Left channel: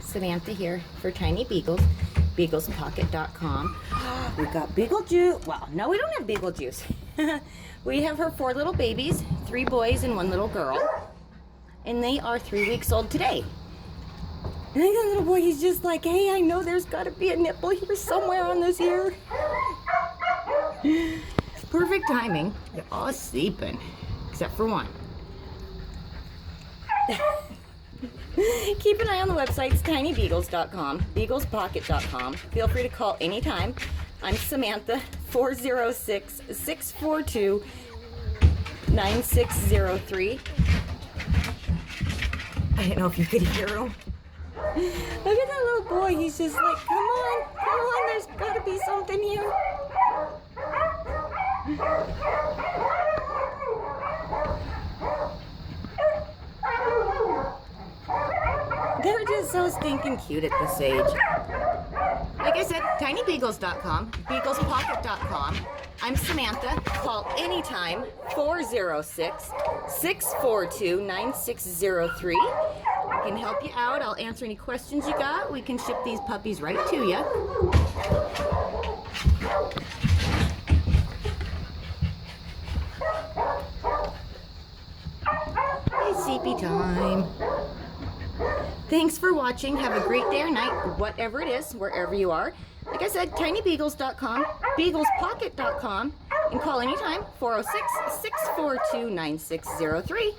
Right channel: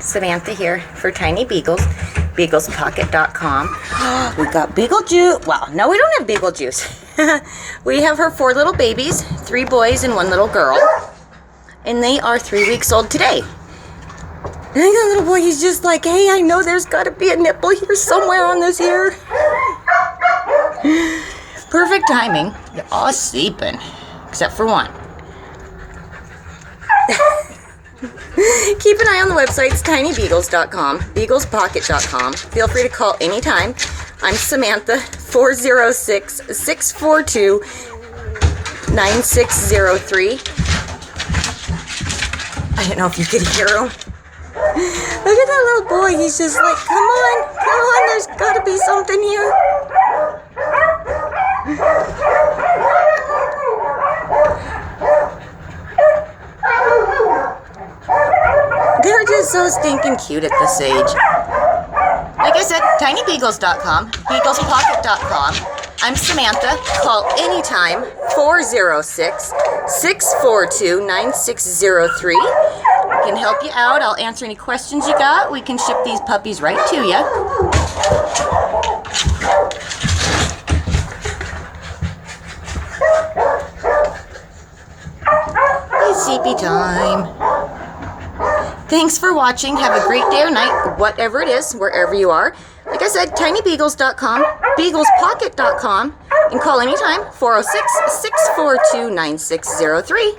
Samantha here for Tiny Beagles, beaglespocket.com. We got Beagle Juice. Well, no, we don't have Beagle Juice. We have her 4 little babies, 3 boys and 1 little girl. And they are 3 weeks old today. And I got a little boy, he's just like, hey, I know there's got to be a nipple here somewhere on this ear. Perfect timing. They're all sleeping, except for one. Keep an eye on the websites, tinybeagles.com, beaglespocket.com. Feel free to call anytime. I'm Samantha, 406-642-9603. I don't know if you could hear him. Look at that little boy. He's just like, come on, there's got to be something here. They're just so stinking cute at this age. Like I said, tinybeagles.com, beaglespocket.com. I'm Samantha. Call anytime, 406-642-9603. I can help you out. I'll answer any questions you got. We can ship these puppies right to you. It's sleepy time. Thanks for watching. Have a great day or night, whatever it is, wherever you are. Like I said, tinybeagles.com, beaglespocket.com, and call anytime, 406-642-9603.